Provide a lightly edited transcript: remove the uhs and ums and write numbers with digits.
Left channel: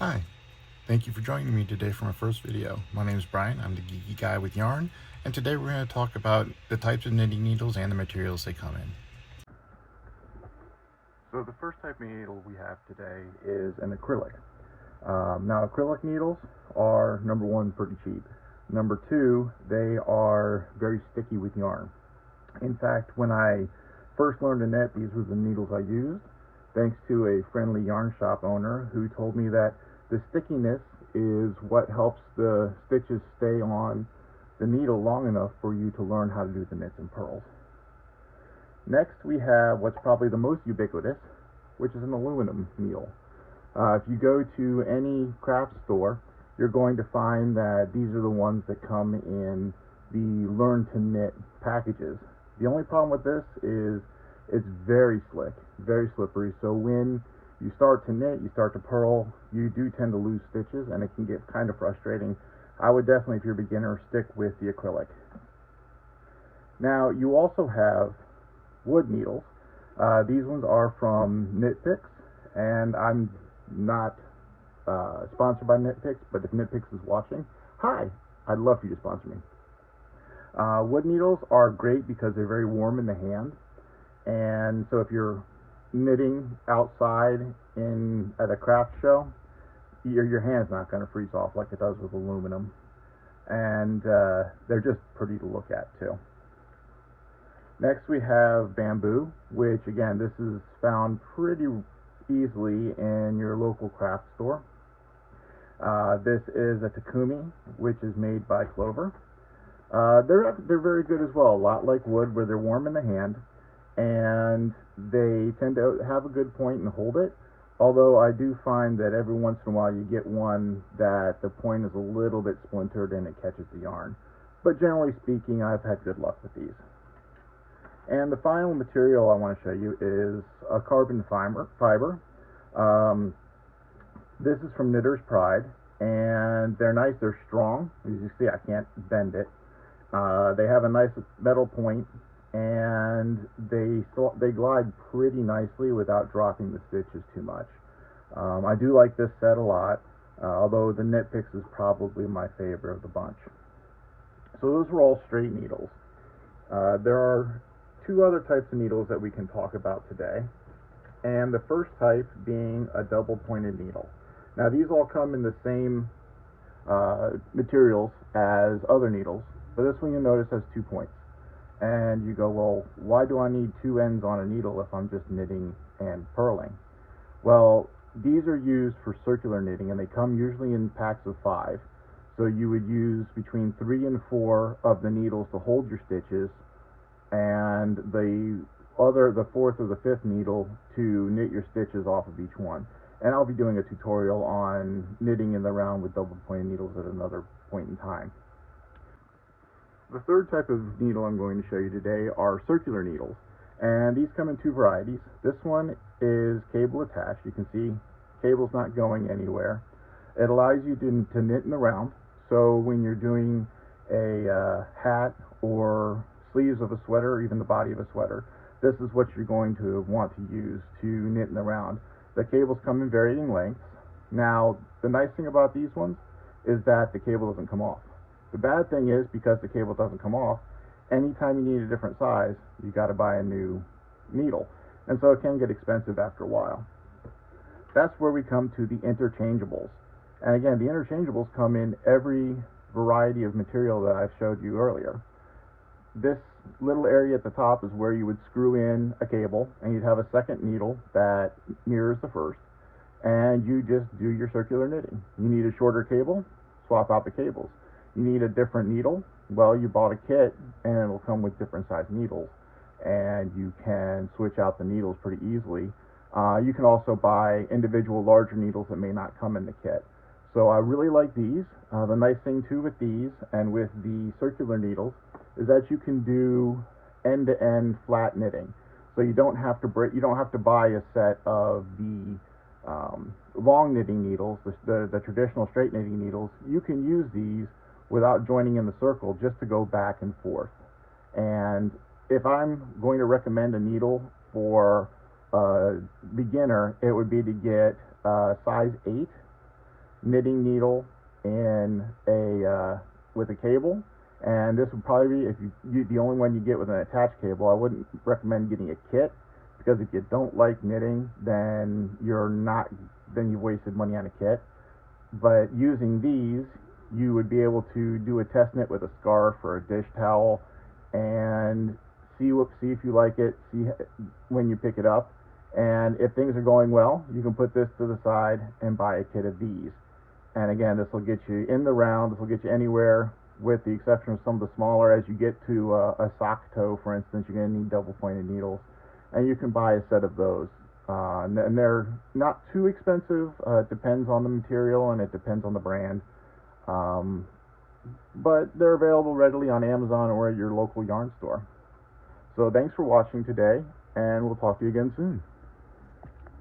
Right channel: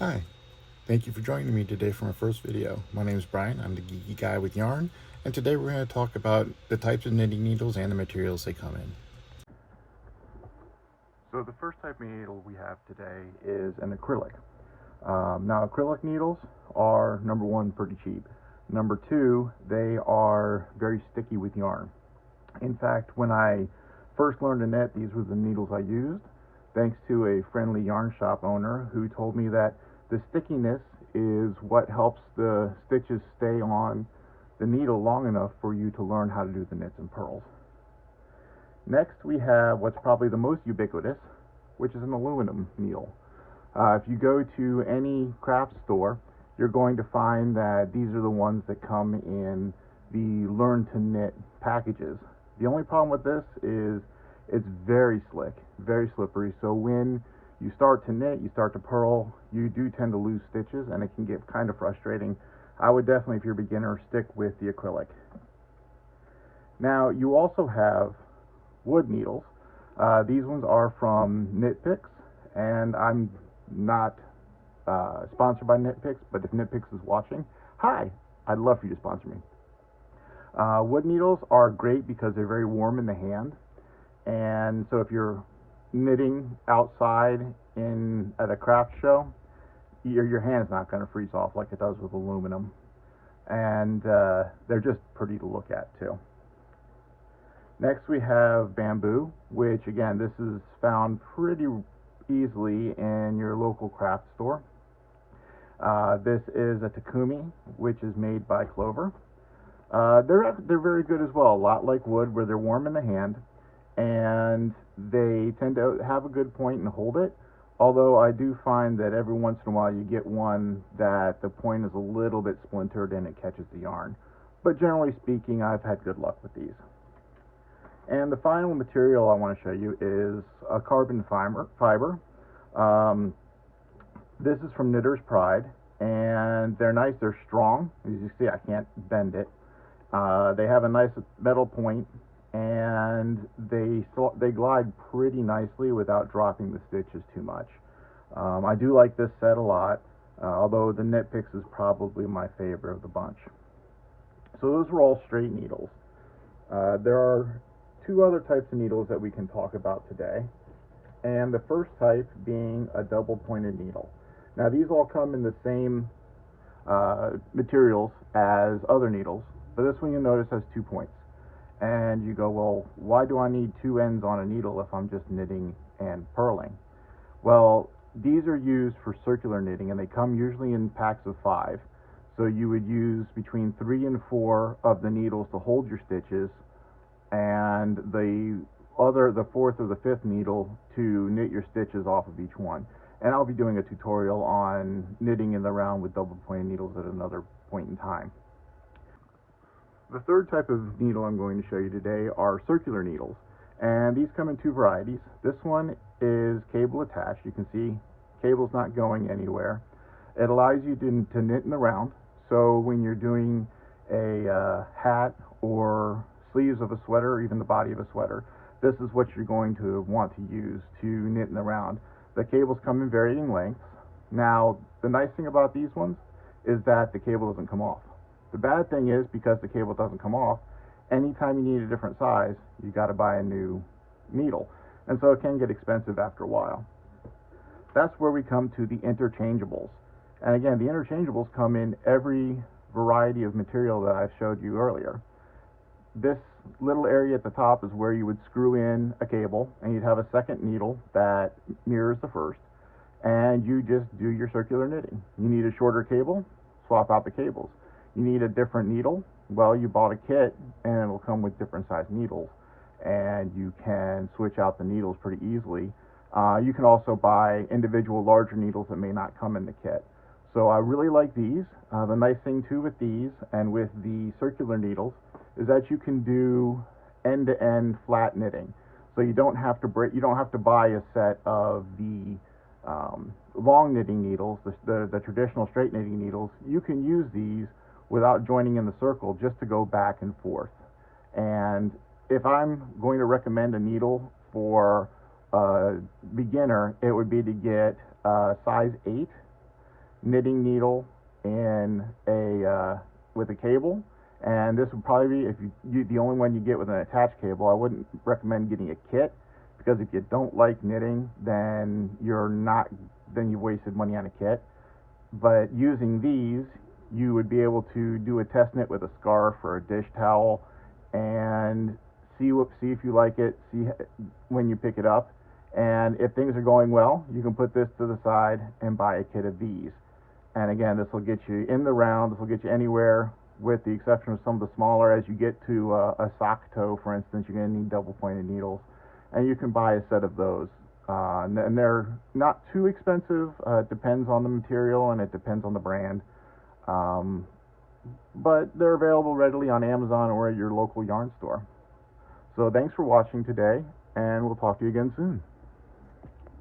Hi, thank you for joining me today for my first video. My name is Brian, I'm the geeky guy with yarn, and today we're going to talk about the types of knitting needles and the materials they come in. So the first type of needle we have today is an acrylic. Now acrylic needles are, number one, pretty cheap. Number two, they are very sticky with yarn. In fact, when I first learned to knit, these were the needles I used, thanks to a friendly yarn shop owner who told me that the stickiness is what helps the stitches stay on the needle long enough for you to learn how to do the knits and purls. Next, we have what's probably the most ubiquitous, which is an aluminum needle. If you go to any craft store, you're going to find that these are the ones that come in the Learn to Knit packages. The only problem with this is it's very slick, very slippery, so when you start to knit, you start to purl, you do tend to lose stitches and it can get kind of frustrating. I would definitely, if you're a beginner, stick with the acrylic. Now, you also have wood needles. These ones are from KnitPicks, and I'm not sponsored by KnitPicks, but if KnitPicks is watching, hi, I'd love for you to sponsor me. Wood needles are great because they're very warm in the hand, and so if you're knitting outside at a craft show, your hand's not going to freeze off like it does with aluminum, and they're just pretty to look at too. Next we have bamboo, which again, this is found pretty easily in your local craft store. This is a Takumi, which is made by Clover. They're very good as well, a lot like wood, where they're warm in the hand, and they tend to have a good point and hold it. Although I do find that every once in a while you get one that the point is a little bit splintered and it catches the yarn. But generally speaking, I've had good luck with these. And the final material I want to show you is a carbon fiber. This is from Knitter's Pride, and they're nice, they're strong. As you see, I can't bend it. They have a nice metal point, and they glide pretty nicely without dropping the stitches too much. I do like this set a lot, although the KnitPicks is probably my favorite of the bunch. So those are all straight needles. There are two other types of needles that we can talk about today, and the first type being a double pointed needle. Now these all come in the same materials as other needles, but this one you'll notice has 2 points. And you go, well, why do I need 2 ends on a needle if I'm just knitting and purling? Well, these are used for circular knitting, and they come usually in packs of 5. So you would use between 3 and 4 of the needles to hold your stitches, and the 4th or the 5th needle to knit your stitches off of each one. And I'll be doing a tutorial on knitting in the round with double pointed needles at another point in time. The third type of needle I'm going to show you today are circular needles, and these come in 2 varieties. This one is cable attached. You can see cable's not going anywhere. It allows you to knit in the round, so when you're doing a hat or sleeves of a sweater or even the body of a sweater, this is what you're going to want to use to knit in the round. The cables come in varying lengths. Now, the nice thing about these ones is that the cable doesn't come off. The bad thing is, because the cable doesn't come off, anytime you need a different size, you got to buy a new needle, and so it can get expensive after a while. That's where we come to the interchangeables. And again, the interchangeables come in every variety of material that I've showed you earlier. This little area at the top is where you would screw in a cable, and you'd have a second needle that mirrors the first, and you just do your circular knitting. You need a shorter cable, swap out the cables. You need a different needle, well, you bought a kit and it'll come with different size needles, and you can switch out the needles pretty easily. You can also buy individual larger needles that may not come in the kit. So I really like these. The nice thing too with these and with the circular needles is that you can do end-to-end flat knitting. So you don't have to buy a set of the long knitting needles, the traditional straight knitting needles. You can use these without joining in the circle, just to go back and forth. And if I'm going to recommend a needle for a beginner, it would be to get size 8 knitting needle and a with a cable. And this would probably be, if you the only one you get with an attached cable. I wouldn't recommend getting a kit, because if you don't like knitting, then you've wasted money on a kit. But using these, you would be able to do a test knit with a scarf or a dish towel, and see if you like it. See when you pick it up, and if things are going well, you can put this to the side and buy a kit of these. And again, this will get you in the round. This will get you anywhere, with the exception of some of the smaller. As you get to a sock toe, for instance, you're going to need double pointed needles, and you can buy a set of those. And they're not too expensive. It depends on the material and it depends on the brand. Um, but they're available readily on Amazon or at your local yarn store. So thanks for watching today, and we'll talk to you again soon.